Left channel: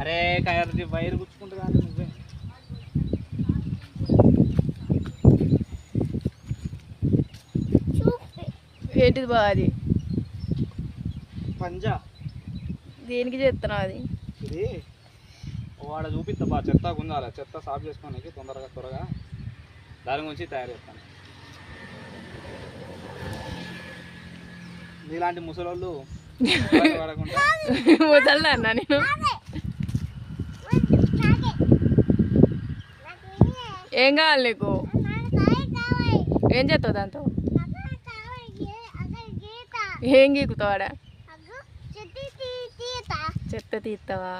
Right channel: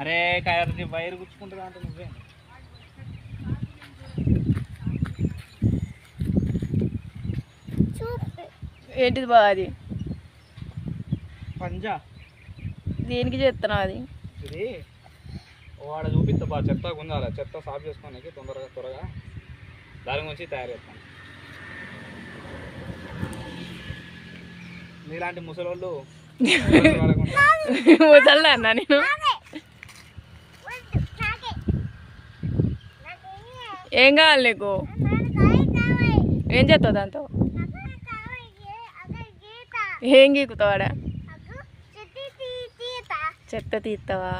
అరే కయర్ది వైర్ గుచ్చుకుంటా కానీ నువ్వే ఏంటిది బా అది పంజా దేనికి చేస్తున్నావు అది ఇది వాడ చూపిస్తా బా చెత్త ఉండాలి చెత్త సాఫ్ చేసుకోనికి తొందరగా త్వరగా దాని గురించి తయారు చేస్తాను నీలాంటి ముసలోళ్ళు ముసల్లా అన్నా నేను ఏం కావాలి నీకు ఏం చేస్తావు దాంతో ఏం గీకుతావాడా చెత్త తీస్తావా